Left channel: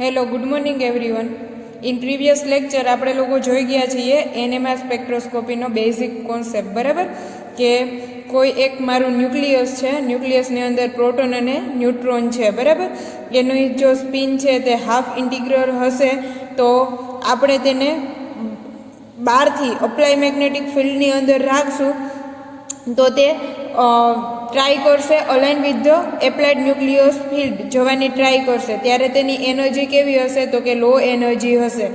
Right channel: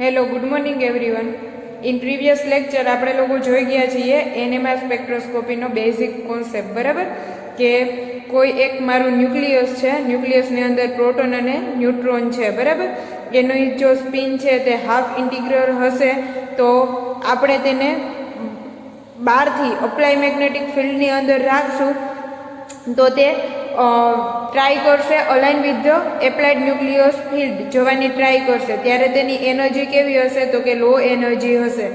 Hello, good morning everyone. In previous lecture આપણે લોકો જોઈ ગયા છીએ એનએમઆર સ્પેક્ટ્રોસ્કોપીનો બેઝિક કોન્સેપ્ટ, બરાબર? કે કોઈ એક મારું ન્યુક્લિયસ છે, ન્યુક્લિયસની અંદર પ્રોટોન અને ન્યુટ્રોન છે, બરાબર? એનું જો સ્પિન છે તે હાફ ઇન્ટિગ્રલ હશે તો આપણે તેને બહારથી અપ્લાય મેગ્નેટિક ફિલ્ડની અંદર રાખશું તો તે ટ્રાય કરશે align with the applied nucleus field જવાની ટ્રાય કરશે, ત્યારે તેની એનર્જી કેવી હશે તો કે લો એનર્જી હશે,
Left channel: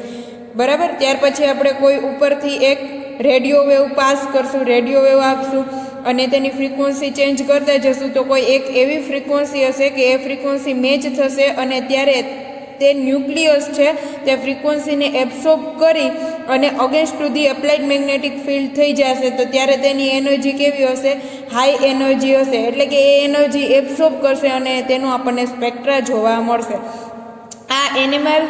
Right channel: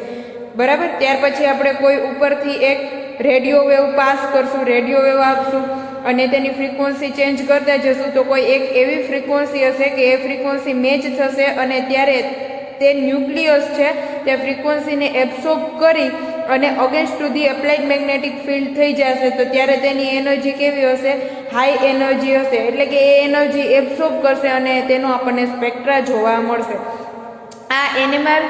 બરાબર? ત્યાર પછી આપણે કોઈ ઉપરથી એક રેડિયો વેવ પાસ કરશું, રેડિયો વેવ આપશું અને તેની ફ્રીક્વન્સી ચેન્જ કરતા જશું તો કોઈ એક એવી ફ્રીક્વન્સી હશે કે એ ફ્રીક્વન્સી મેચ થશે અને ત્યારે તે ન્યુક્લિયસ છે તે ફ્રીક્વન્સીને એબ્સોર્બ કરી અને against to the applied magnetic field થઈ જશે તો ત્યારે તેની એનર્જી કેવી હશે? હાઈ એનર્જી હશે. એટલે કે એ એનર્જી એબ્સોર્બ કરશે અને તેનો આપણને સ્પેક્ટ્રા જોવા મળશે. આ એનએમઆર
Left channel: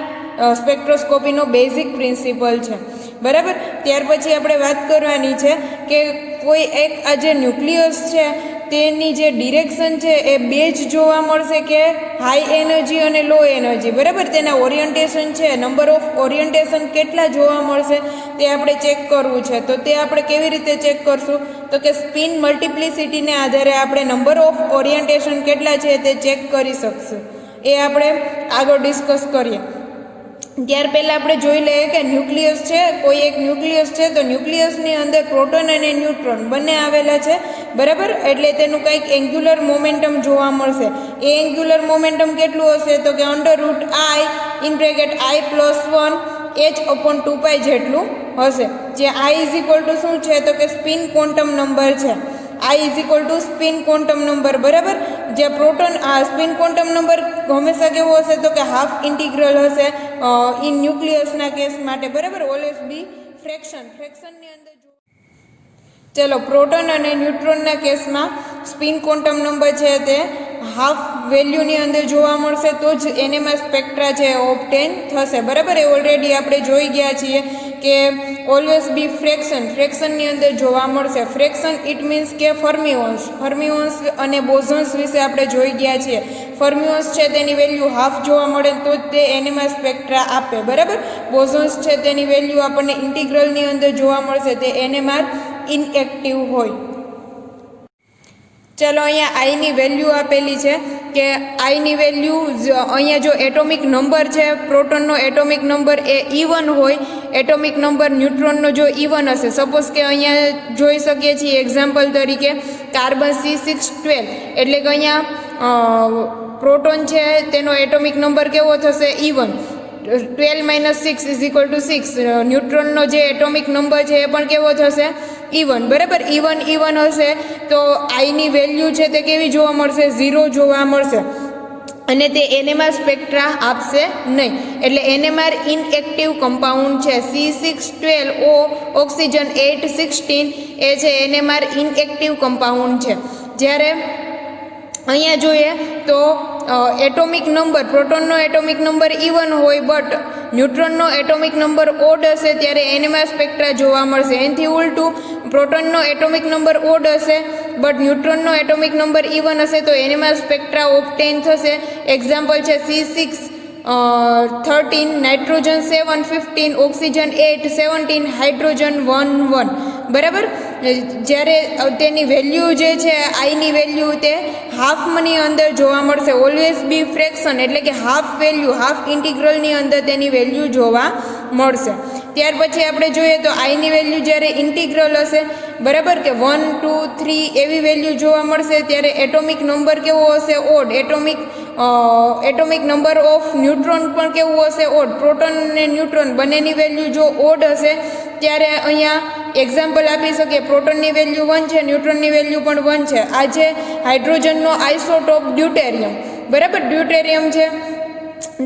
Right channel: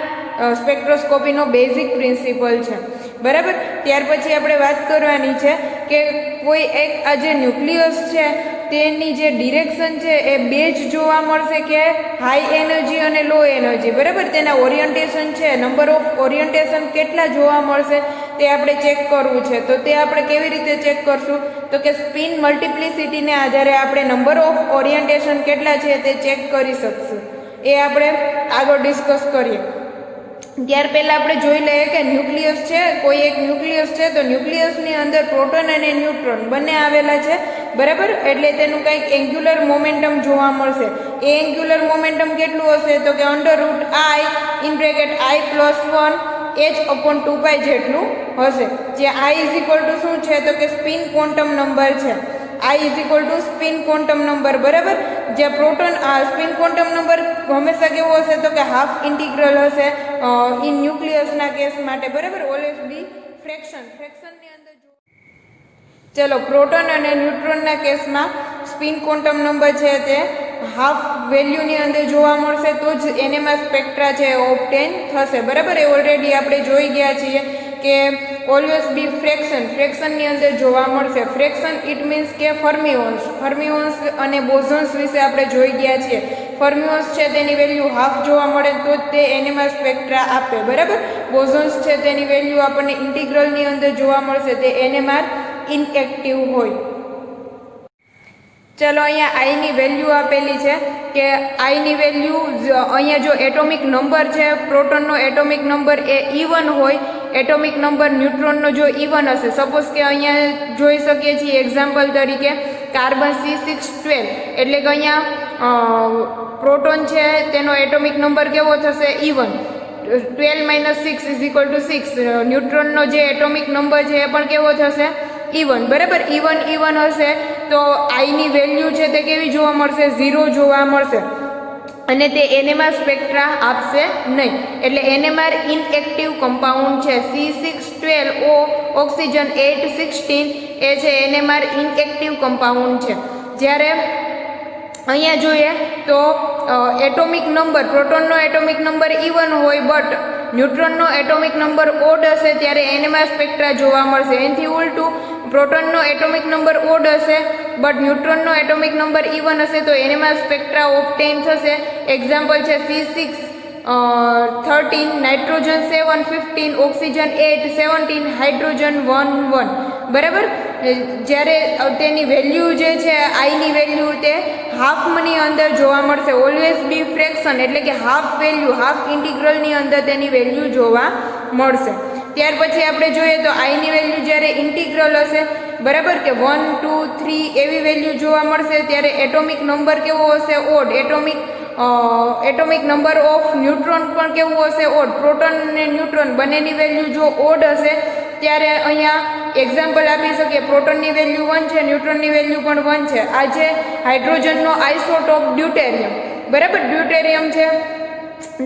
સ્પેક્ટ્રોસ્કોપીનો બેઝિક પ્રિન્સિપલ છે, બરાબર? ત્યાર પછી આપણે વાત કરવાની છે કે કોઈ એક આ જે ન્યુક્લિયસ છે તેની જે ડિરેક્શન છે એ બે જ જોવા મળશે કે હાઈ એનર્જી અને લો એનર્જી, બરાબર? તેના ઓરિયન્ટેશન છે, નંબર ઓફ ઓરિયન્ટેશન કેટલા જોવા મળશે તે આપણે ચેક કરવું છે. તો તે આપણે કેવી રીતે ચેક કરશું તો કે સ્પિન મલ્ટિપ્લિસિટીને આધારે આપણે નંબર ઓફ ઓરિયન્ટેશન કેટલા છે તે ચેક કરી શકશું. એ આપણે આગળ ડિસ્કસ કરીએ. ત્યાર પહેલાં આપણે જોઈ લઈએ કે ન્યુક્લિયસ છે, કોઈ એક ન્યુક્લિયસ છે તો ન્યુક્લિયસની અંદર પ્રોટોન અને ન્યુટ્રોન બંને આવેલા છે, બરાબર? એટલે તેનું કંઈક એન્ગ્યુલર મોમેન્ટમ જોવા મળશે. એ એન્ગ્યુલર મોમેન્ટમ કેટલું હશે તો કે √I((1)H/2π જેટલું હશે. જે I = શું છે તો કે સ્પિન ક્વોન્ટમ નંબર છે. I = સ્પિન ક્વોન્ટમ નંબર, બરાબર? જે પ્રોટોન સ્પિન ક્વોન્ટમ નંબર હંમેશા કેવો હશે તો કે હાફ ઇન્ટિગ્રલ હશે ઇન ન્યુક્લિયસના કેસ માટે, બરાબર? ઓલવેઝ બી ફ્રેક્શનની અંદર ચલો પ્રોટોન અને ન્યુટ્રોનના કેસમાં સ્પિન ક્વોન્ટમ નંબર છે તે હાફ વેલ્યુની અંદર જોવા મળશે તો જ એનએમઆર સ્પેક્ટ્રા છે ઓબ્ટેન થશે, બરાબર? એ ઓલરેડી આપણે જોઈ ગયા છીએ કે ઓલવેઝ બી ફ્રેક્શનની અંદર જોવા મળશે. ફ્રેક્શન ઇટ મીન્સ કે ફર્મિઓન્સ અને બોઝોન્સ વિશે આપણે જોઈ ગયા છીએ. ફર્મિઓન્સ છે તેની વેલ્યુ હાફ જોવા મળે તો જ તે એનએમઆર સ્પેક્ટ્રા આપે, બરાબર? બોઝોન્સ છે તેની વેલ્યુ આપણને ઇન્ટિગ્રલની અંદર જોવા મળશે, તે એનએમઆર ઇનએક્ટિવ હોય. ચલો અહીંયા આઈની વેલ્યુ આપેલી છે કે આઈની વેલ્યુ અહીંયા જો એટોમિક નંબર છે પ્રોટોનનો એટોમિક નંબર એ E1 હોય, એટોમિક નંબર ન્યુટ્રોનનો જો E1 હશે, સપોઝ કે અહીંયા જોઈ શકીએ છીએ એક્ઝામ્પલ તરીકે કાર્બન C612, એટલે કે અહીંયા પ્રોટોન છે તેનો એટોમિક નંબર કેવો થશે? E1. 12 - 6 = 6. ન્યુટ્રોનનો જે એટોમિક નંબર છે એ પણ કેવો થશે? E1, બરાબર? E1 હશે તો આઈની વેલ્યુ છે તે કેવી જોવા મળશે? 0 જોવા મળશે અને તે એનએમઆર સ્પેક્ટ્રા આપશે નહીં. એટલે એનએમઆર ઇનએક્ટિવ કમ્પાઉન્ડ છે. C612O ઓક્સિજન 816 એ છે એનએમઆર ઇનએક્ટિવ કમ્પાઉન્ડ છે. જ્યારે અહીંયા જોઈએ તો એટોમિક નંબર પ્રોટોનનો એટોમિક નંબર E1 હોય બટ ન્યુટ્રોનનો એટોમિક નંબર ઓડ હશે ત્યારે એનએમઆર સ્પેક્ટ્રા જોવા મળશે. એનાથી ઉલટું પ્રોટોનનો એટોમિક નંબર ઓડ હશે બટ ન્યુટ્રોનનો એટોમિક નંબર E1 હશે તો એનએમઆર સ્પેક્ટ્રા ઓબ્ટેન થશે. એક્ઝામ્પલ છે C613 નાઇટ્રોજન 715 ઓક્સિજન 817 હાઇડ્રોજન 11, બરાબર? જ્યારે તેની વેલ્યુ જે છે આઈની વેલ્યુ તે હાફની અંદર જોવા મળશે. ઓલવેઝ બી ફ્રેક્શન એટલે કે હાફ વેલ્યુ હાફ ઇન્ટિગ્રલની અંદર તેની વેલ્યુ જોવા મળશે. ત્યાર પછી આપણે જોઈએ તો આઈની વેલ્યુ જ્યારે ઇન્ટિગ્રલ હશે, બરાબર? કે 1, 2, 3 એવી વેલ્યુ જોવા મળશે ત્યારે એટોમિક નંબર કેવો હશે? Odd. Atomic number of neutron પણ કેવું હશે? ઓડ. પ્રોટોન અને ન્યુટ્રોન બંનેની વેલ્યુ જો ઓડ હશે ત્યારે અહીંયા એક્ઝામ્પલ આપી શકીએ પ્રોટોનની વેલ્યુ 1 છે, ન્યુટ્રોનની વેલ્યુ પણ 1 છે. આ જે હાઇડ્રોજનનો આઇસોટોપ ડ્યુટેરિયમ, બરાબર? ડ્યુટેરિયમ છે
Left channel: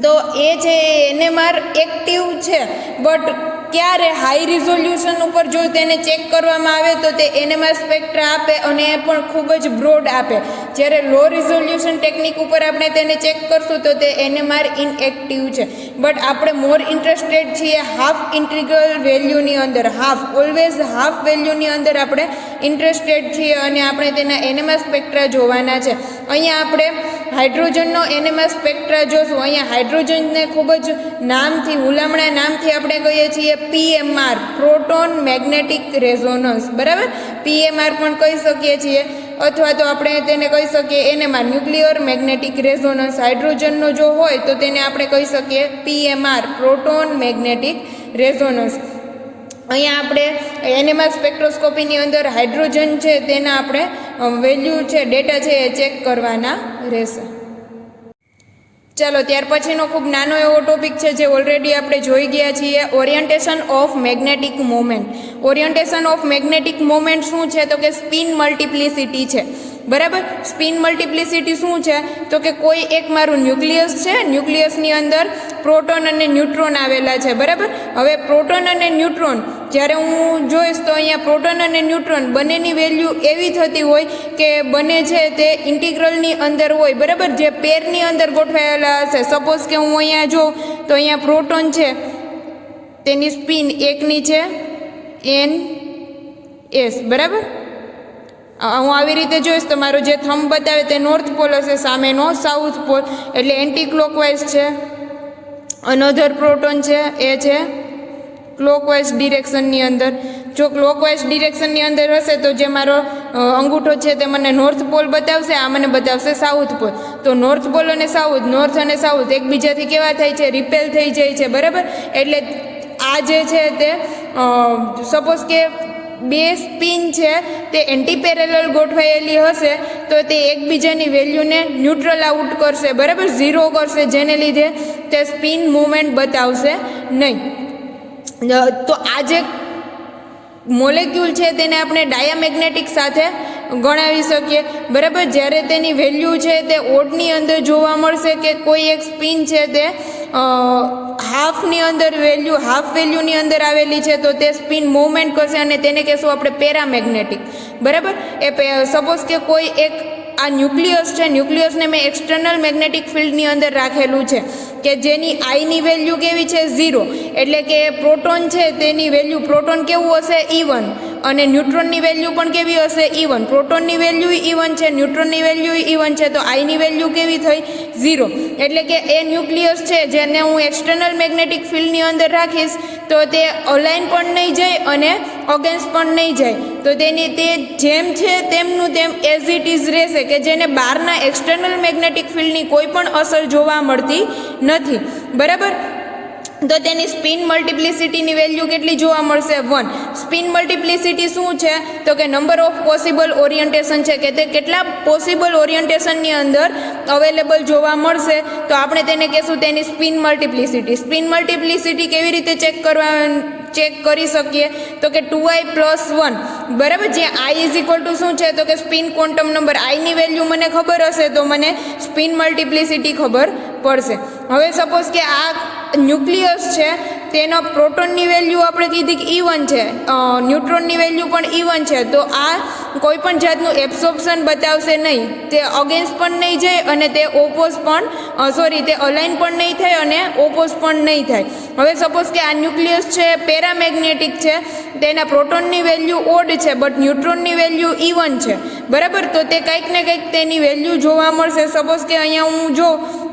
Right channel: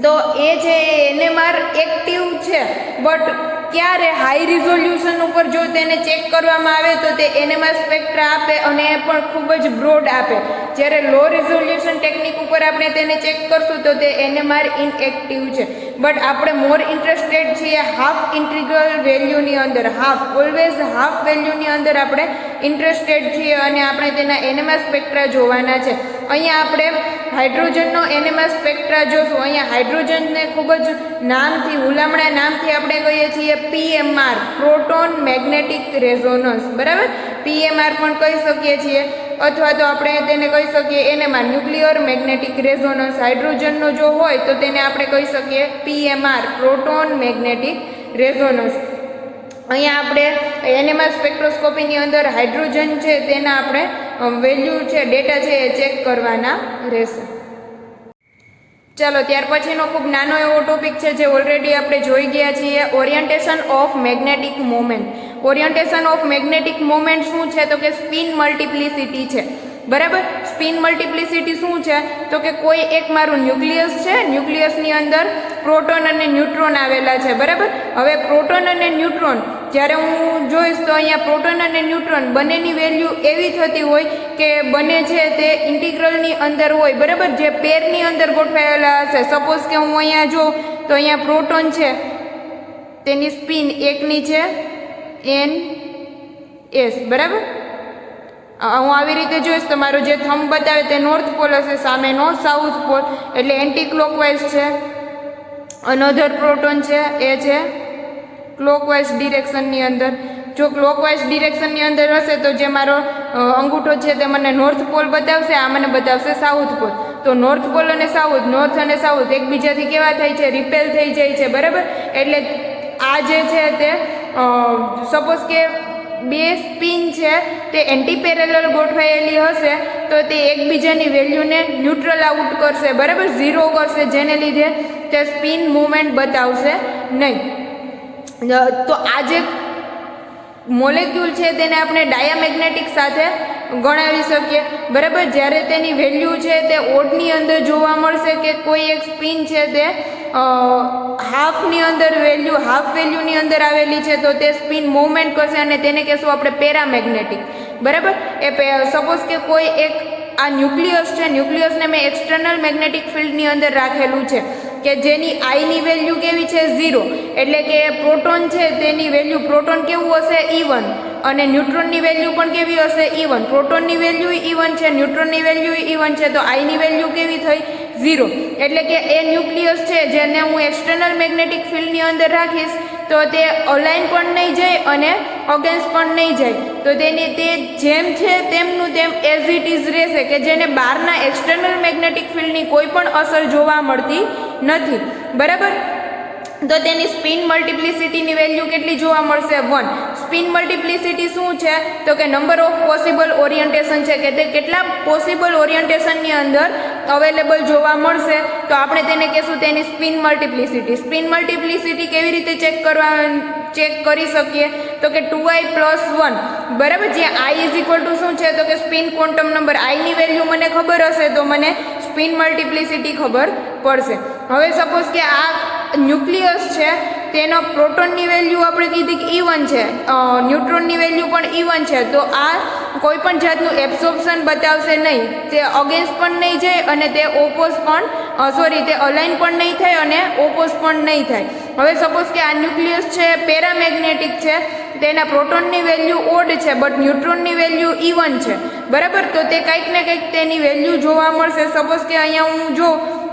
તો એ જે એનએમઆર એક્ટિવ છે બટ ક્યારે હાઈ રિઝોલ્યુશન ઉપર જો તેને ચેક કરવામાં આવે તો તે એનએમઆર સ્પેક્ટ્રા આપે અને એ પણ ખૂબ જ બ્રોડ આપે. જ્યારે લો રિઝોલ્યુશન ટેકનિક ઉપર આપણે તેને ચેક કરશું તો તે એનએમઆર ઇનએક્ટિવ છે. બટ આપણે મોર ઇન્ટરેસ્ટેડ છીએ હાફ ઇન્ટિગ્રલ વેલ્યુની અંદર. ઓલવેઝ હાફ વેલ્યુની અંદર આપણે ઇન્ટરેસ્ટેડ છીએ અને આપણે તેના એનએમઆર સ્પેક્ટ્રા જોવાના છે. અહીંયા આપણે હાઇડ્રોજનનો NMR સ્પેક્ટ્રા જોશું. અહીંયા હાઇડ્રોજનને ખૂબ જ નામથી હુલામણા નામથી આપણે કહીએ છીએ PMR, પ્રોટોન મેગ્નેટિક રેઝોનન્સ, બરાબર. PMR પણ કહી શકીએ છીએ, અથવા તો આપણે તેને કહી શકીએ NMR, ન્યુક્લિયર મેગ્નેટિક રેઝોનન્સ. હાઇડ્રોજનનો જો હોય તો તેને આપણે કહી શકીએ PMR, પ્રોટોન મેગ્નેટિક રેઝોનન્સ. અહીંયા આપણે NMR સ્પેક્ટ્રોસ્કોપીની અંદર હાઇડ્રોજન છે તેના આપણે વેલ્યુ છે, ડેટા છે એ ચેક કરવાના રહેશે. ચાલો, ત્યાર પછીનો ખૂબ નાનો એવો ટોપિક છે જે ઓલરેડી આપણે જોઈ ગયા છીએ, orientation of magnetic moment. Orientation of magnetic moment શું છે? તો કે સ્પિન મલ્ટિપ્લિસિટી છે, બરાબર. સ્પિન મલ્ટિપ્લિસિટી શું છે? તો કે કોઈ એક મારું ન્યુક્લિયસ છે, ન્યુક્લિયસની અંદર પ્રોટોન અને ન્યુટ્રોન આવેલા છે, બરાબર. હવે પ્રોટોન અને ન્યુટ્રોન જ્યારે હું જોઈશ તો અહીંયા પ્રોટોન અને ન્યુટ્રોન બંનેની વેલ્યુ એવી થતી હોય કે બંને છે તે ઇન્ટિગ્રલની અંદર હોય, બરાબર, જે પેરની અંદર ગોઠવાયેલા હશે. સપોઝ કે હું અહીંયા જોઉં તો અહીંયા પ્રોટોન છે તેની સ્પિન એકની છે NS, બરાબર. હું આવી રીતે જોઈશ તો મારો જે થંબ બતાવે તે નોર્થ પોલ હશે, સામેનો સાઉથ પોલ, એટલે એન્ટી ક્લોકવાઇઝ છે. અનધર પ્રોટોન છે એ છે ક્લોકવાઇઝ ડિરેક્શનની અંદર. જો ક્લોકવાઇઝ ડિરેક્શનની અંદર હશે તો જે મારો અંગૂઠો છે તે મને નોર્થ પોલ બતાવશે, આ મને બતાવશે સાઉથ પોલ. તો નોર્થ પોલ અને સાઉથ, નોર્થ અને સાઉથ એકબીજાથી કેવા થાય છે? રિપેલ થઈ જાય છે, બરાબર. એટલે આ જે છે તે સપોઝ કે બે સ્પિન છે તે એન્ટી પેરેલલ ગોઠવાયેલી હશે તો તે એકબીજાની વેલ્યુને ન્યુટ્રલ આઉટ કરશે, બરાબર, ઝીરો કરશે, જેને લીધે તે સ્પિન મુવમેન્ટ બતાવશે નહીં. તો આ જે મોલેક્યુલ છે તેને આપણે ડાયામેગ્નેટિક સાથે ગણાવી શકીએ, બરાબર. જ્યારે તેની વેલ્યુ છે તે ઓડની અંદર જોવા મળશે કે કોઈ એક સ્પિન છે તે હાફની અંદર વેલ્યુ, હાફ વેલ્યુની અંદર આવેલી છે તો તે સ્પિન મૂવમેન્ટ કરશે અને તેને કહેશું આપણે પેરામેગ્નેટિક, બરાબર. એ સપોઝ કે કોઈ એક આ ન્યુક્લિયસ છે, ન્યુક્લિયસને મેં એક્સટર્નલ મેગ્નેટિક ફિલ્ડની અંદર રાખેલું છે કે જેની આઈની વેલ્યુ કેવી છે? 0. એટલે કે પ્રોટોન છે તેની વેલ્યુ, પ્રોટોન કેવું હશે? E1, અને ન્યુટ્રોનની વેલ્યુ પણ કેવી હશે? E1. પ્રોટોનની વેલ્યુ E1 છે, ન્યુટ્રોનની વેલ્યુ E1 છે, તો આઈની વેલ્યુ કેવી થઈ? 0. એટલે કે એ ન્યુક્લિયસ છે જેને હું એક્સટર્નલ મેગ્નેટિક ફિલ્ડની અંદર રાખીશ તો તે અલાઇન પણ નહીં જાય અને અગેન્સ્ટ પણ નહીં જાય, તો તેની તે જેમ છે તેમનું તેમ એઝ ઇટ ઇઝ રહેશે, કે જેને બહારના એક્સટર્નલ મેગ્નેટિક ફિલ્ડની કોઈ પણ અસર જોવા મળતી નથી, બરાબર. તો તેની સ્પિન મલ્ટિપ્લિસિટીની વેલ્યુ કેટલી જોવા મળશે? 1. સ્પિન મલ્ટિપ્લિસિટી શું છે? તો કે નંબર ઓફ પોસિબલ ઓરિએન્ટેશન છે, કે તે કેટલા પોસિબલ ઓરિએન્ટેશનની અંદર અવેલેબલ જોવા મળશે, તો આપણે તેને કહેશું તેની સ્પિન મલ્ટિપ્લિસિટી. સ્પિન મલ્ટિપ્લિસિટી કેવી રીતે ચેક કરી શકીએ? તો કે 2i+1, બરાબર. જ્યાં i = શું છે? તો કે સ્પિન ક્વોન્ટમ નંબર. આઈની વેલ્યુ મને ખબર હશે તો મને સ્પિન મલ્ટિપ્લિસિટી ખબર પડશે. હવે સપોઝ કે આ ન્યુક્લિયસ છે તેનો પ્રોટોનની વેલ્યુ આપણે કીધી કે E1 છે, ન્યુટ્રોનની વેલ્યુ પણ E1 છે, તો આ કોઈ પણ જાતનું એબ્સોર્પ્શન બતાવશે નહીં, તે અગેન્સ્ટ પણ નહીં જાય અને તે ઓપોઝ પણ તે અલાઇન પણ નહીં થાય અને ઓપોઝ પણ નહીં થાય. હવે સપોઝ કે આ ન્યુક્લિયસ છે પેરામેગ્નેટિક છે, તેના પ્રોટોનની વેલ્યુ ઓડ છે બટ ન્યુટ્રોનની વેલ્યુ E1 છે, બરાબર. તો તે કંઈક ને કંઈક તેની વેલ્યુ જોવા મળશે. સપોઝ કે અહીંયા હું જોઉં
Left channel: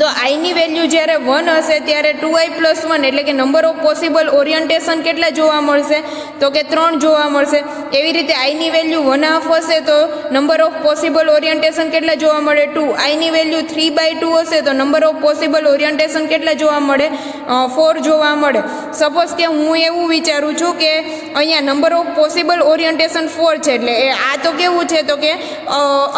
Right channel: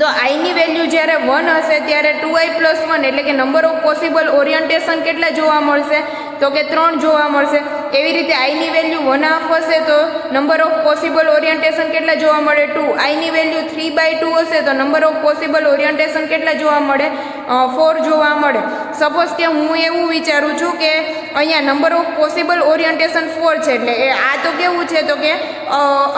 તો આઈની વેલ્યુ જ્યારે 1 હશે ત્યારે 2i+1 એટલે કે નંબર ઓફ પોસિબલ ઓરિએન્ટેશન કેટલા જોવા મળશે? તો કે 3 જોવા મળશે. એવી રીતે આઈની વેલ્યુ 1/2 હશે તો નંબર ઓફ પોસિબલ ઓરિએન્ટેશન કેટલા જોવા મળે? 2. આઈની વેલ્યુ 3/2 હશે તો નંબર ઓફ પોસિબલ ઓરિએન્ટેશન કેટલા જોવા મળે? 4 જોવા મળે. સપોઝ કે હું એવું વિચારું છું કે અહીંયા નંબર ઓફ પોસિબલ ઓરિએન્ટેશન 4 છે, એટલે આ તો કેવું છે? તો કે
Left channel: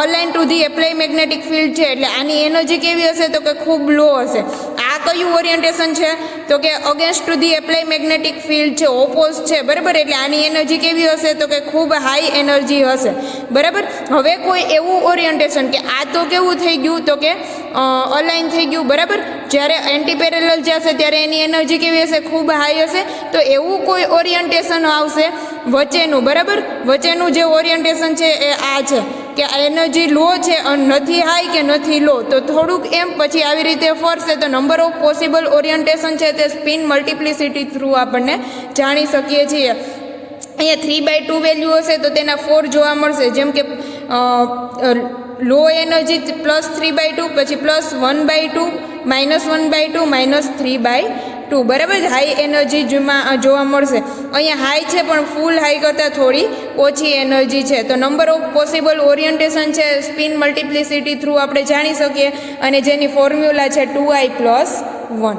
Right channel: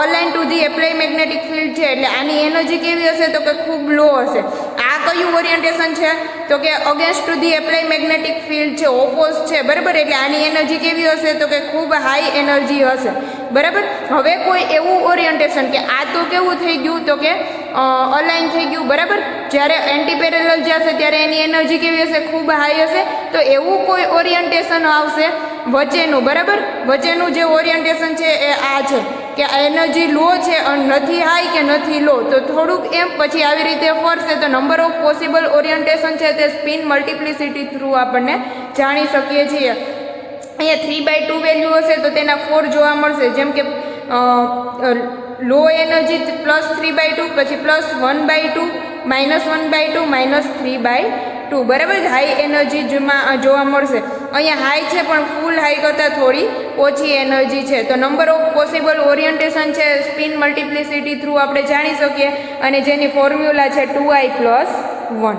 align to the apply magnetic field છે, એટલે આની એનર્જી કેવી હશે? તો કે ખૂબ લો હશે. આ કયું ઓરિએન્ટેશન છે? તો કે against to the apply magnetic field છે, ઓપોઝ છે, બરાબર. એટલે આની એનર્જી કેવી હશે? તો કે ખૂબ હાઈ એનર્જી હશે, બરાબર. હવે કોઈ એવું ઓરિએન્ટેશન કે આ તો કેવું થઈ ગયું? તો કે અલાઇન થઈ ગયું, બરાબર. જ્યારે એન્ટી પેરેલલ જશે ત્યારે એની એનર્જી કેવી હશે? ખૂબ હાઈ હશે. તો એવું કોઈ ઓરિએન્ટેશન આવશે વચ્ચેનું, બરાબર. વચ્ચેનું જે ઓરિએન્ટેશન છે એ આ છે કે એનર્જી લો છે, નથી હાઈ કે નથી લો, તો થોડુંક એમ પછી આવી રીતે ફરશે તો નંબર ઓફ પોસિબલ ઓરિએન્ટેશન છે તે સ્પિન મલ્ટિપ્લિસિટી થ્રુ આપણને જાણી શકીએ છીએ. અહીંયા 3/2 વેલ્યુ હશે તો તેના 4 જોવા મળશે. જેમ કે લો એનર્જી +3/2, પછી +1/2, -1/2, -3/2, બરાબર. હાઈ એનર્જીમાં જોવા મળશે. અહીંયા હાઈ છે પણ ફૂલ હાઈ કરતાં થોડી ઓછી એનર્જી છે. તો નંબર ઓફ પોસિબલ ઓરિએન્ટેશન છે સ્પિન મલ્ટિપ્લિસિટી થ્રુ આપણે જાણી શકીએ, અને જેની ફોર્મ્યુલા છે 2i+1.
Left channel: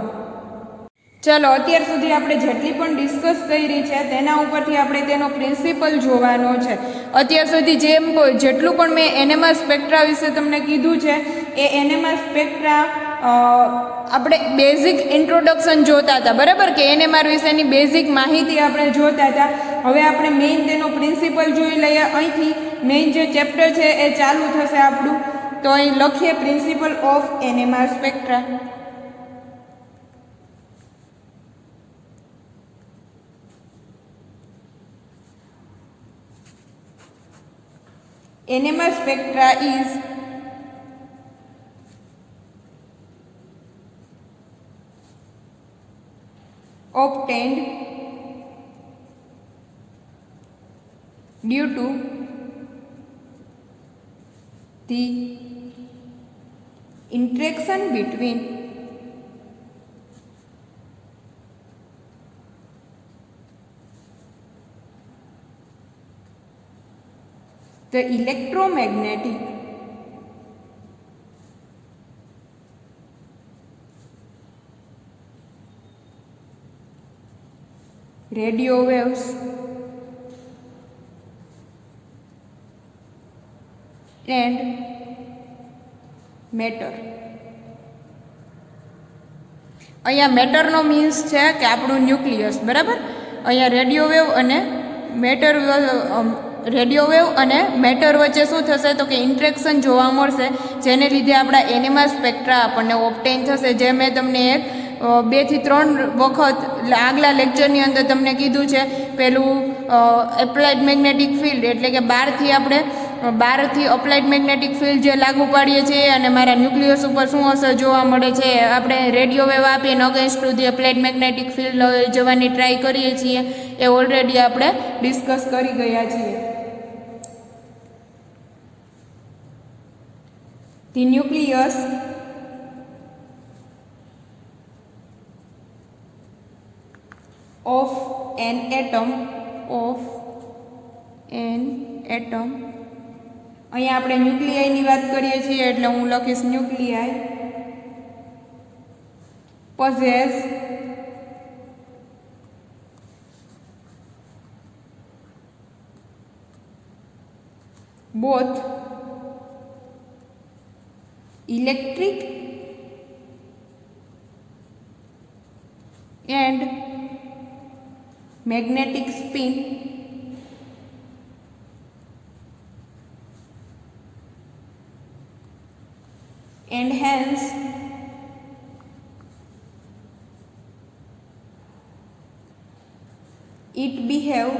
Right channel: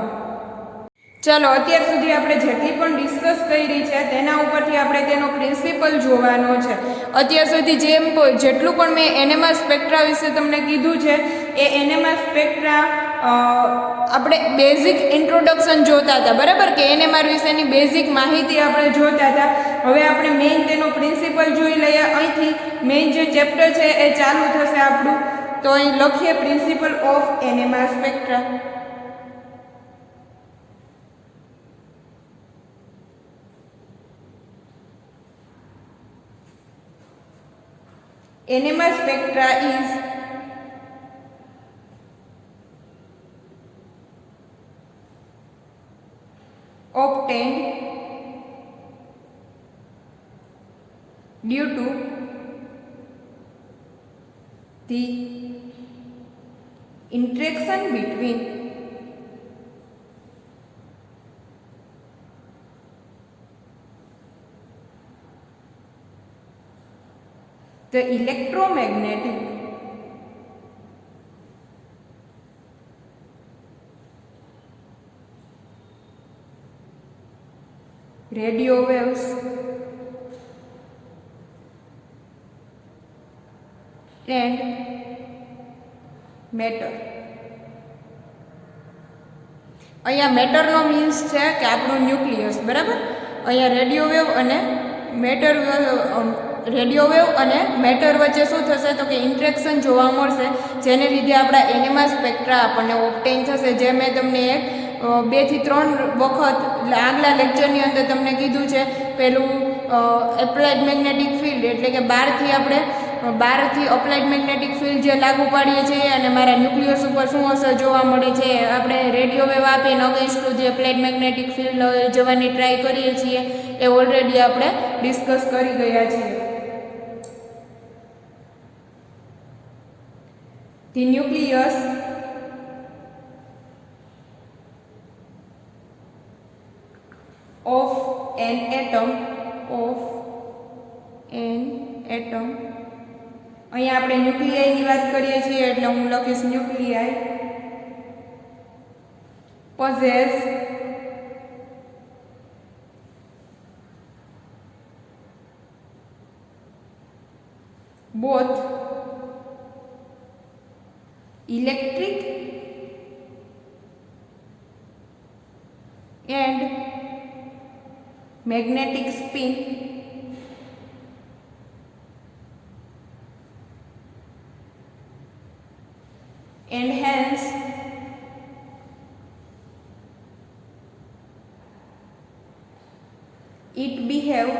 ચાલો, અત્યાર સુધી આપણે જેટલી પણ ડિસ્કસ કરી છે તેના ઉપરથી આપણે તેનો પ્રિન્સિપલ જોવાનો છે. અત્યાર સુધી જેટલું પણ મેં એનએમઆર સ્પેક્ટ્રા વિશે તમને કીધું છે એ એનએમઆર સ્પેક્ટ્રા આપણે બેઝિક ઇન્ટ્રોડક્શન જોતા હતા, બરાબર, કે એનએમઆર વિશેની બેઝિક માહિતી આપણે જોતા હતા. હવે આપણે મેઇન તેનો પ્રિન્સિપલ જોઈ લઈએ. અહીંથી મેઇન જે ચેપ્ટર છે એ ચાલુ થશે આપણું. તો અહીં લખીએ principle of NMR spectra. NMR spectra is obtained due to the interaction between the electromagnetic radio waves and matter. અહીંયા મેટરનો મીન્સ છે કે આપણું ન્યુક્લિયસ, બરાબર. અહીંયા રેડિયો વેવ અને મેટર વચ્ચે શું થશે તો કે ઇન્ટરેક્શન જોવા મળશે, જેને લીધે આપણા એનએમઆર સ્પેક્ટ્રા આપણને ઓબ્ટેઇન થશે. જે મેં તમને 2 થી 3 વખત આગલા લેક્ચરની અંદર તમને કીધું છે. પેલું એપ્લાઇડ મેગ્નેટિક ફિલ્ડ, એટલે કે બહારથી અપ્લાઇડ મેગ્નેટિક ફિલ્ડ જે લાગુ પાડીએ છીએ અને મારા ન્યુક્લિયસ ઉપર શું અસર જોવા મળે છે. આપણે રેડિયો વેવ આપીને against to the applied magnetic field જવાની ટ્રાય કરીએ છીએ, એ ઓલરેડી આપણે ડિસ્કસ કરી ગયા છીએ. The nucleus of an atom અહીંયા આપણે ન્યુક્લિયાઈની વાત કરીએ છીએ એટલે હું લખીશ ન્યુક્લિયાઈ possess both electric and magnetic spin and hence it behave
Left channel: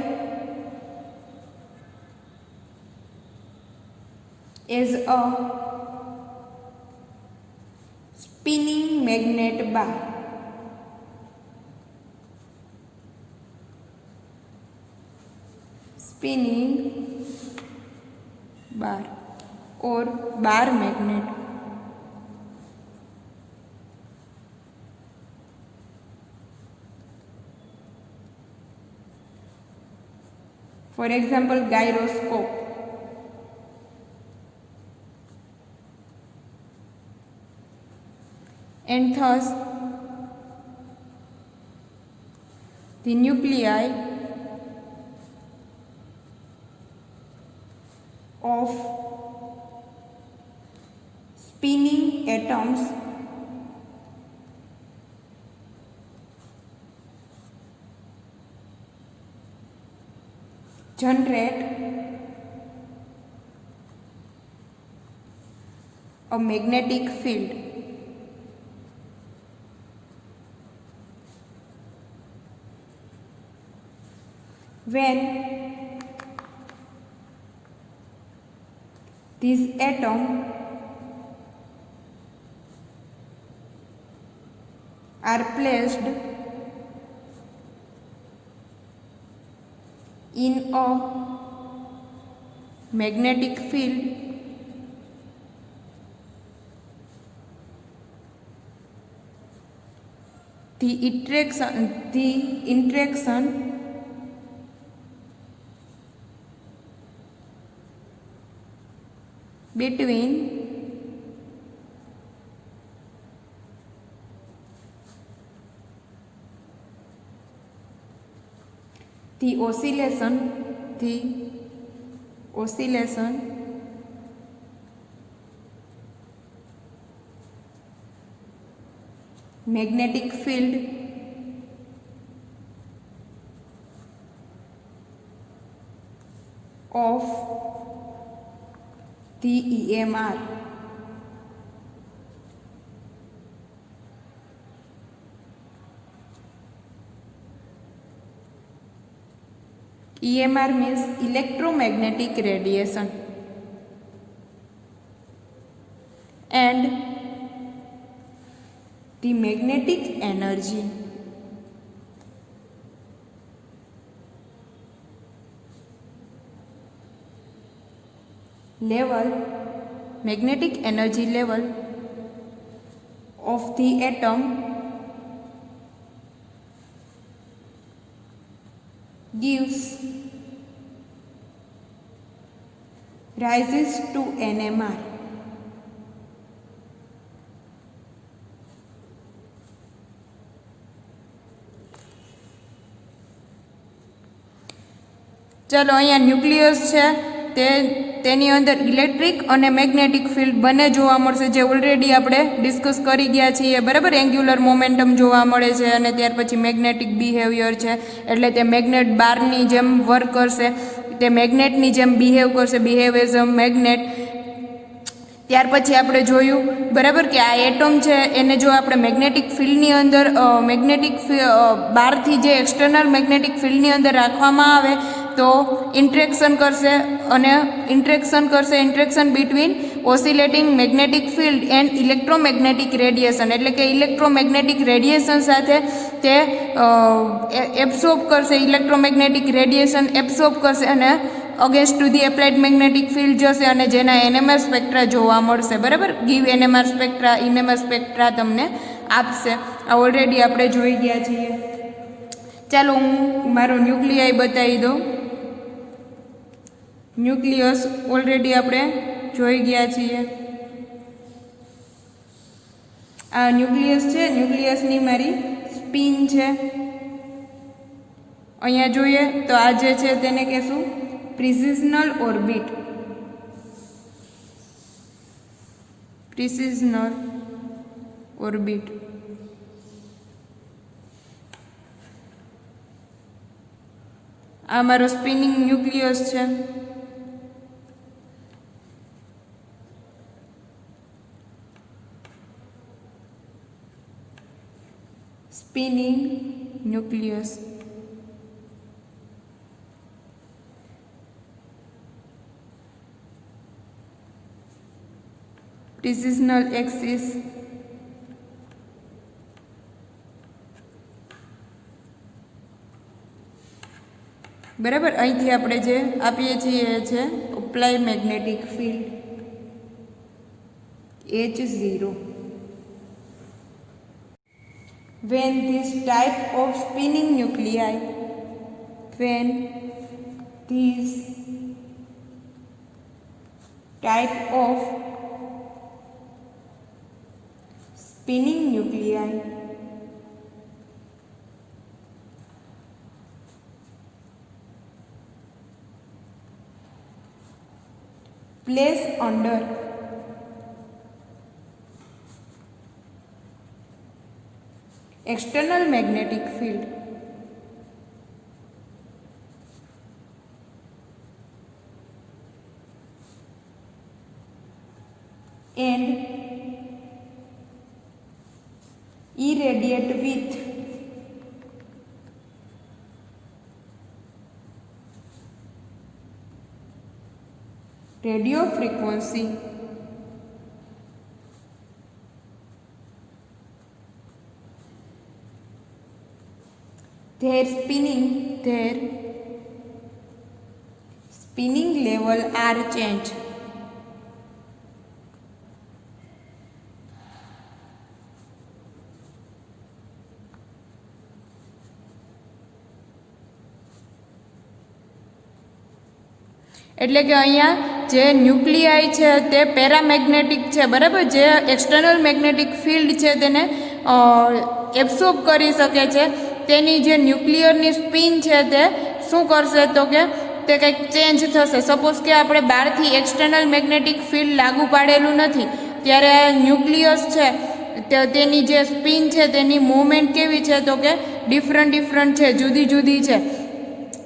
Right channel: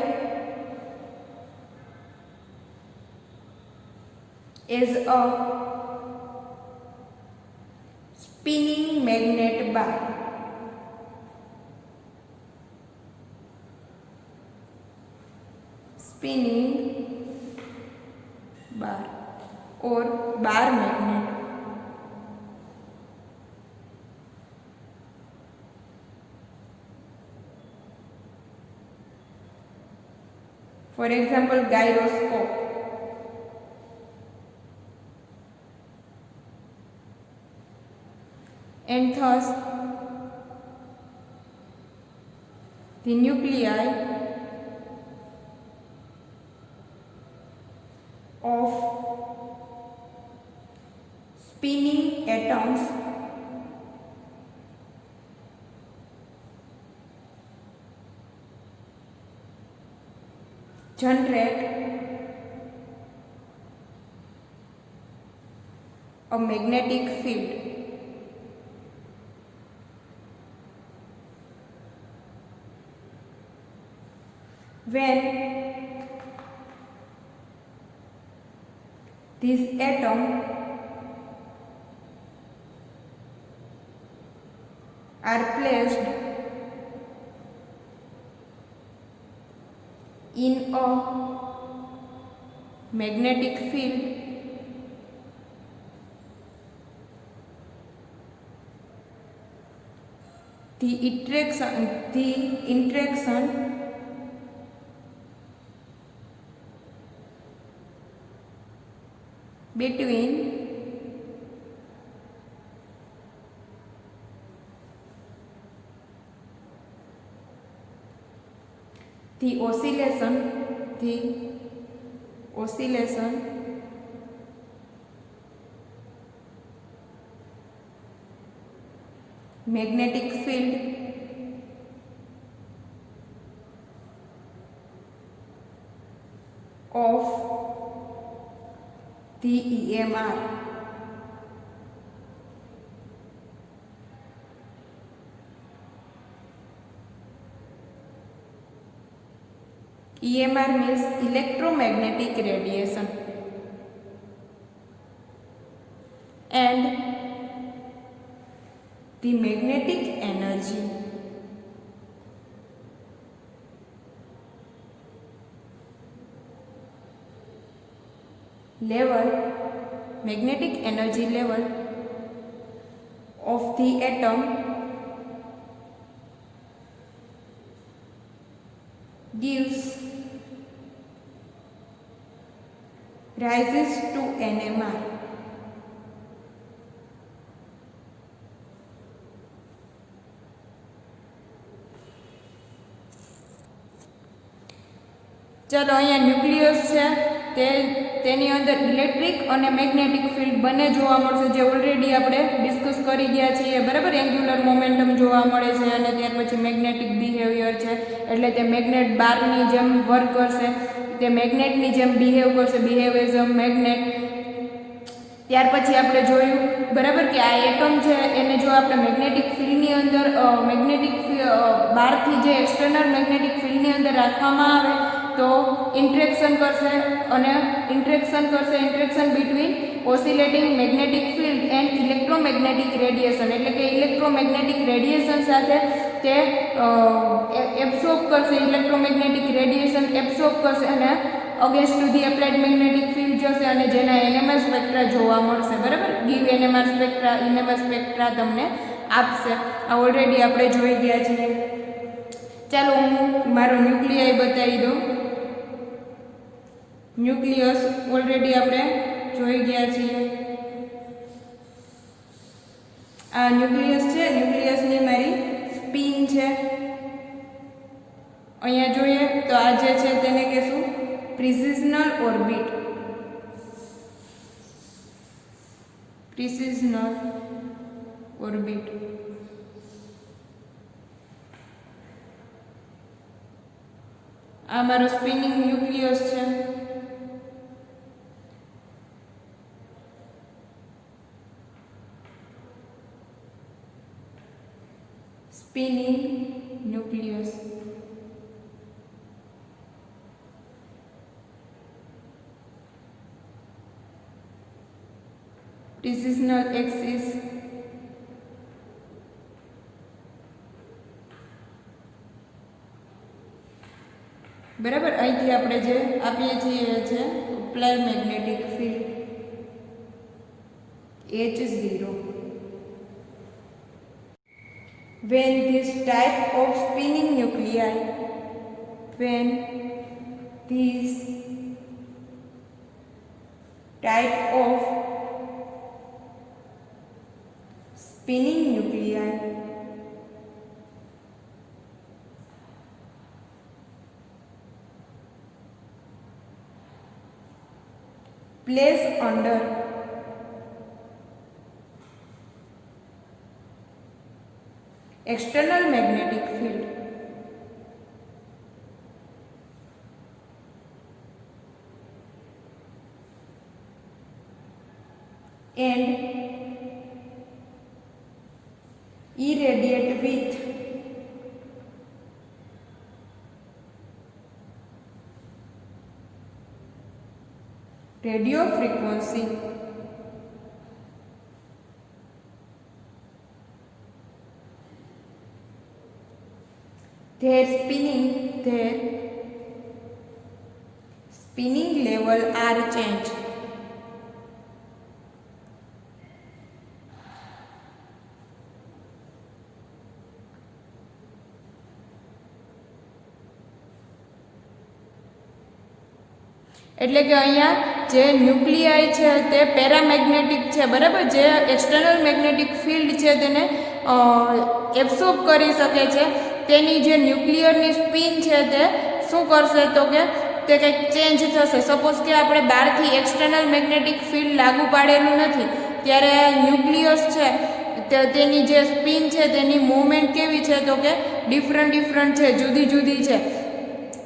as a spinning magnet bar. Spinning bar or bar magnet. For example, gyroscope. And thus the nuclei of spinning atoms generate a magnetic field. When these atoms are placed in a magnetic field, the interaction between the oscillation magnetic field of the EMR EMR means electromagnetic radiation and the magnetic energy level, magnetic energy level of the atom gives rises to NMR. चलो अहींया nucleus है तेनी अंदर electric और magnetic field बने जोवा मळशे जे already आपणे discuss करी गया छीए बराबर एंग्युलर मोमेंटम जोवा मळे छे अने त्यार पछी मैग्नेटिक बिहेवियर छे एटले ते मैग्नेट बाરની જેમ વર્ક કરશે તે મેગ્નેટની જેમ બિહેવ કરશે બિહેવ એઝ અ મેગ્નેટ ત્યાર પછી આપણે જોયું બરાબર કે આ એટમ છે એને જો આપણે મેગ્નેટિક ફિલ્ડની અંદર મેગ્નેટિક બહારથી જે એક્સટર્નલ મેગ્નેટિક ફિલ્ડની અંદર રાખવામાં આવે તો ઇન્ટરેક્શન કરશે અને interaction between oscillating magnetic field and electromagnetic radiation એટલે કે ઇલેક્ટ્રોમેગ્નેટિક રેડિયેશન સાથે તે એબ્સોર્બ કરશે ઇલેક્ટ્રોમેગ્નેટિક રેડિયેશન એબ્સોર્બ કરશે અને against to the applied magnetic field જશે અને જેના એનએમઆર સ્પેક્ટ્રા જોવા મળશે બરાબર ગીવ એનએમઆર સ્પેક્ટ્રા તમને આપશે આ ઓલરેડી આપણે જોઈ ગયા છીએ ચાલો હું મારો ન્યુક્લિયાઈ બતાવી દઉં ન્યુક્લિયસ ઓલરેડી આપણે જોઈ ગયા છીએ આ ન્યુક્લિયસ છે ન્યુક્લિયસની મારી સ્પિન છે અહીંયા જોઈએ તો આ જે છે તેને કહેશું પ્રિસિઝનલ ઓર્બિટ આ મારું સ્પિનિંગ ન્યુક્લિયસ છે સ્પિનિંગ ન્યુક્લિયસ પ્રિસિઝનલ એક્સિસ બરાબર અહીંથી આપણે જે આપીએ છીએ એ છે apply magnetic field H0 when this type of spinning nuclei placed under external magnetic field and irradiate with radio frequency their spinning level are changed એટલે કે અહીંયા જે ન્યુક્લિયાઈ છે તે પેરામેગ્નેટિક છે, બરાબર. જે એક્સટર્નલ મેગ્નેટિક ફિલ્ડ છે તેને એબ્સોર્બ કરી શકે છે. તેની જે ન્યુક્લિયરની સ્પિન છે તે શું કરશે તો કે તે કંઈક ચેન્જ થશે. સપોઝ કે આપણે બહારથી એક્સટર્નલ મેગ્નેટિક ફિલ્ડ લાગુ પાડેલું નથી, ત્યારે ન્યુક્લિયસ છે તેની જે સ્પિન છે તેની મૂવમેન્ટ કેવી છે તો કે ડિફરન્ટ છે, જુદી જુદી છે.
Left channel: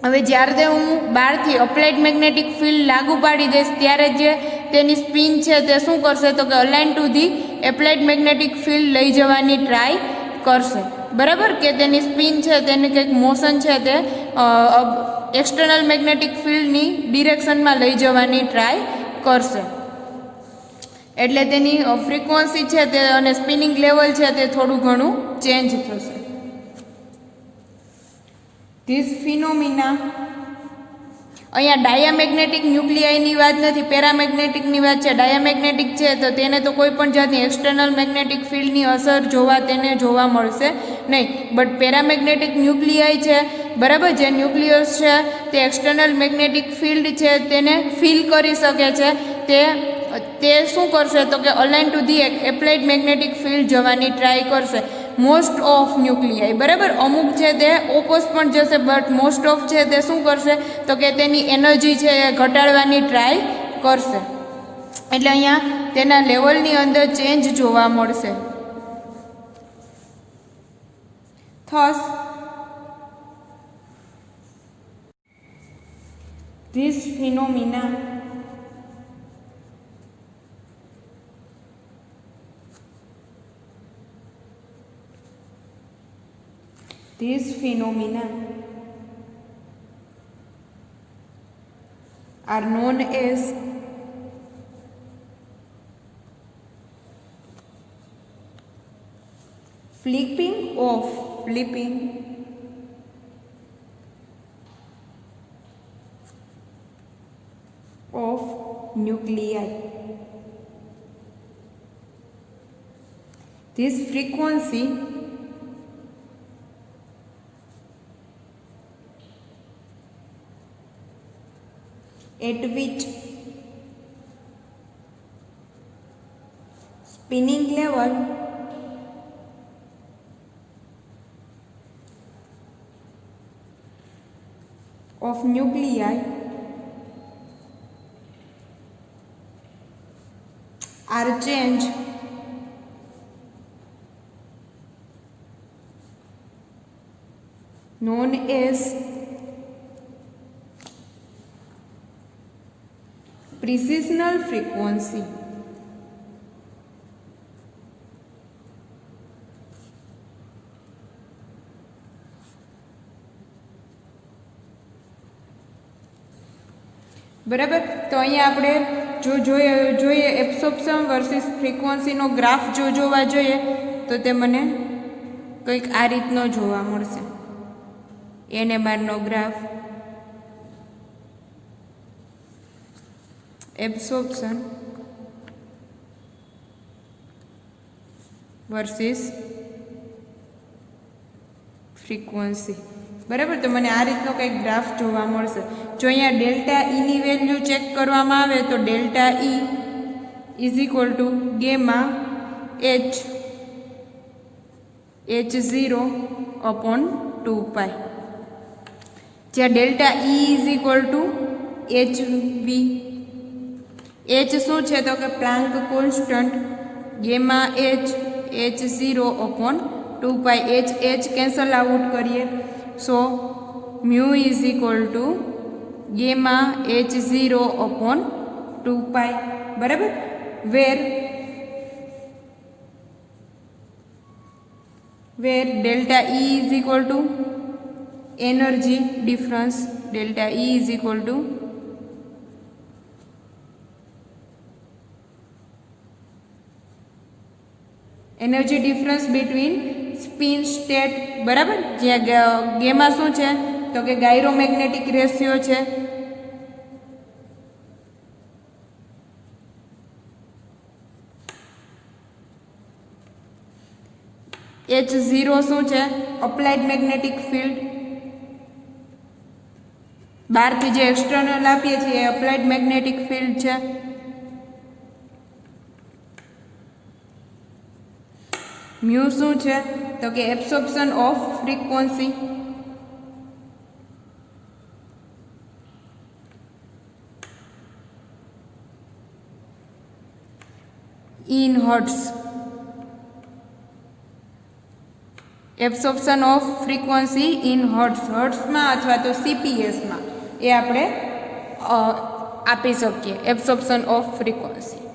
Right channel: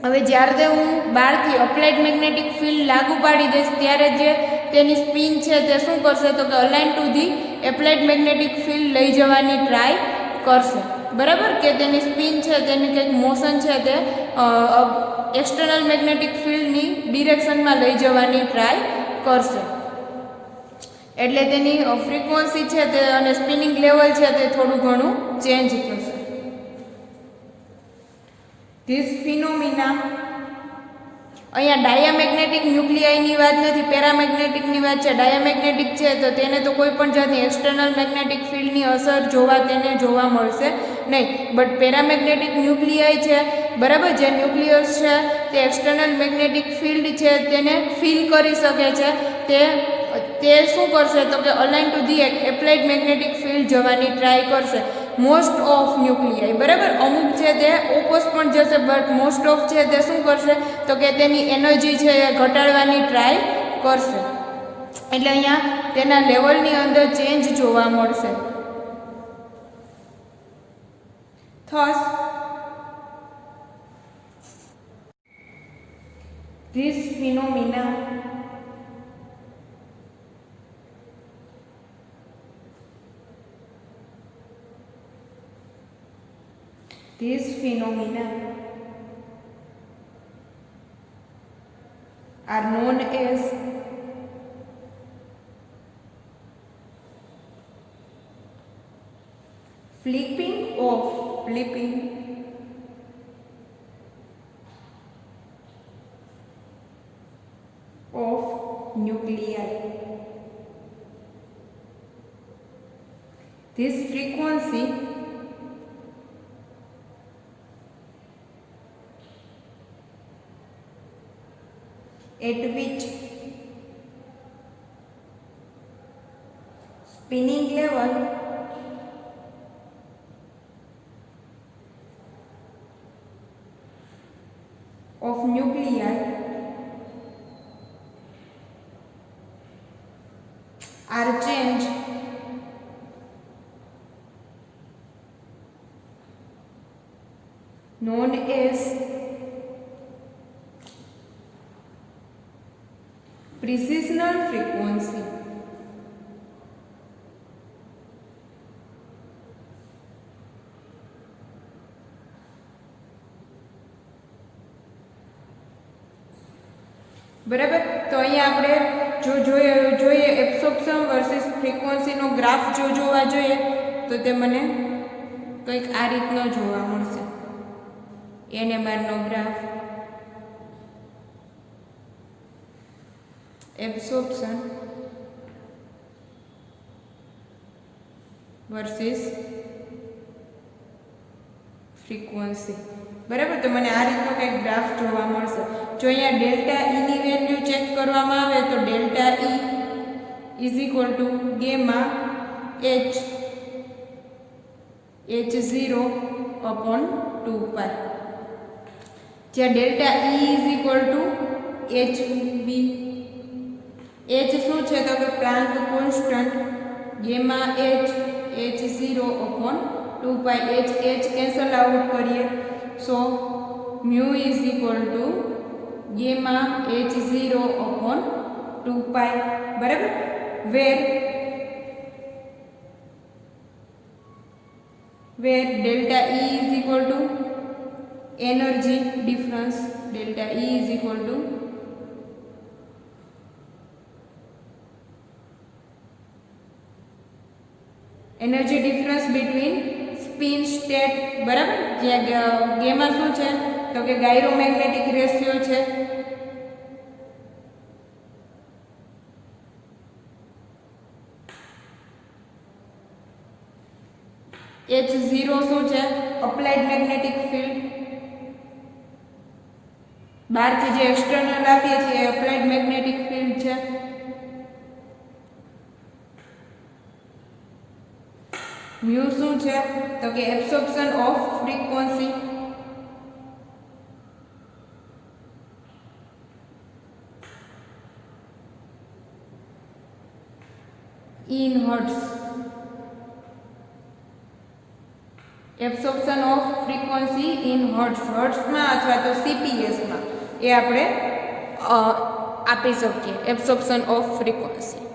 હવે જ્યારે હું બહારથી અપ્લાઇડ મેગ્નેટિક ફિલ્ડ લાગુ પાડી દઈશ ત્યારે જે તેની સ્પિન છે તે શું કરશે તો કે align to the applied magnetic field લઈ જવાની ટ્રાય કરશે, બરાબર. કે તેની સ્પિન છે તેની કંઈક મોશન છે તે એક્સટર્નલ મેગ્નેટિક ફિલ્ડની ડિરેક્શનમાં લઈ જવાની ટ્રાય કરશે. એટલે તેની ફ્રીક્વન્સી છે તે અને સ્પિનિંગ લેવલ છે તે થોડું ઘણું ચેન્જ થશે. ધીસ ફિનોમિના, અહીંયા ડાયામેગ્નેટિક ન્યુક્લિયાઈની વાત નથી, પેરામેગ્નેટિકની વાત છે. ડાયામેગ્નેટિક છે તો તેને તો કોઈ પણ જાતની એક્સટર્નલ મેગ્નેટિક ફિલ્ડની અસર તેને જોવા મળશે નહીં. બટ પેરામેગ્નેટિક ન્યુક્લિયાઈ છે, બરાબર, જે ન્યુક્લિયસ છે તે એક્સટર્નલ મેગ્નેટિક ફિલ્ડ છે તેને ફીલ કરી શકે છે. તે શું કરશે તો કે align to the applied magnetic field જવાની ટ્રાય કરશે. મોસ્ટ ઓફ ન્યુક્લિયાઈ, બરાબર, અમુક છે તે ઓપોઝ પણ જશે, બટ મોસ્ટ ઓફ છે તે શું કરશે તો કે તેની એનર્જી છે એ ઘટાડવાની ટ્રાય કરશે. એટલે અહીંયા તેના લેવલની અંદર ચેન્જ જોવા મળશે. Thus this phenomena are known as flipping of nuclei. This frequency at which spinning level of nuclei are changed known as precessional frequency. બરાબર. તો અહીંયા આપણે જોઈએ એબ્સોર્પ્શન વર્સિસ ફ્રીક્વન્સીનો ગ્રાફ જોવા જોઈએ તો તે મને કંઈક આ રીતનો જોવા મળશે. NMRનો ગ્રાફ, એબ્સોર્પ્શન વર્સિસ ફ્રીક્વન્સી, બરાબર. તો મને આ રીતનો કંઈક ગ્રાફ જોવા મળશે. જો અહીંયા ડેલ્ટા ઈની વેલ્યુ ચેક કરવામાં આવે તો delta E is equal to gamma H0 upon 2π, જ્યાં delta E is equal to HV. H શું છે તો કે Planck constant, gamma H0 upon 2π. H cancel out કરીએ so mu is equal to gamma H0 upon 2π, બરાબર. Where delta E is equal to energy difference, delta E is equal to energy difference between spin state, બરાબર. જ્યાં gamma શું છે તો કે ગાયરોમેગ્નેટિક ratio છે. H0 શું છે અપ્લાઇડ મેગ્નેટિક ફિલ્ડ, બહારથી જે એક્સટર્નલ આપીએ છીએ એ અપ્લાઇડ મેગ્નેટિક ફિલ્ડ છે. મ્યુ શું છે? તો કે absorption of frequency. In hertz. Absorption of frequency in hertz, હર્ટ્સમાં અથવા તો CPSમાં એ આપણે આપી શકીએ એબ્સોર્પ્શન ઓફ ફ્રીક્વન્સી.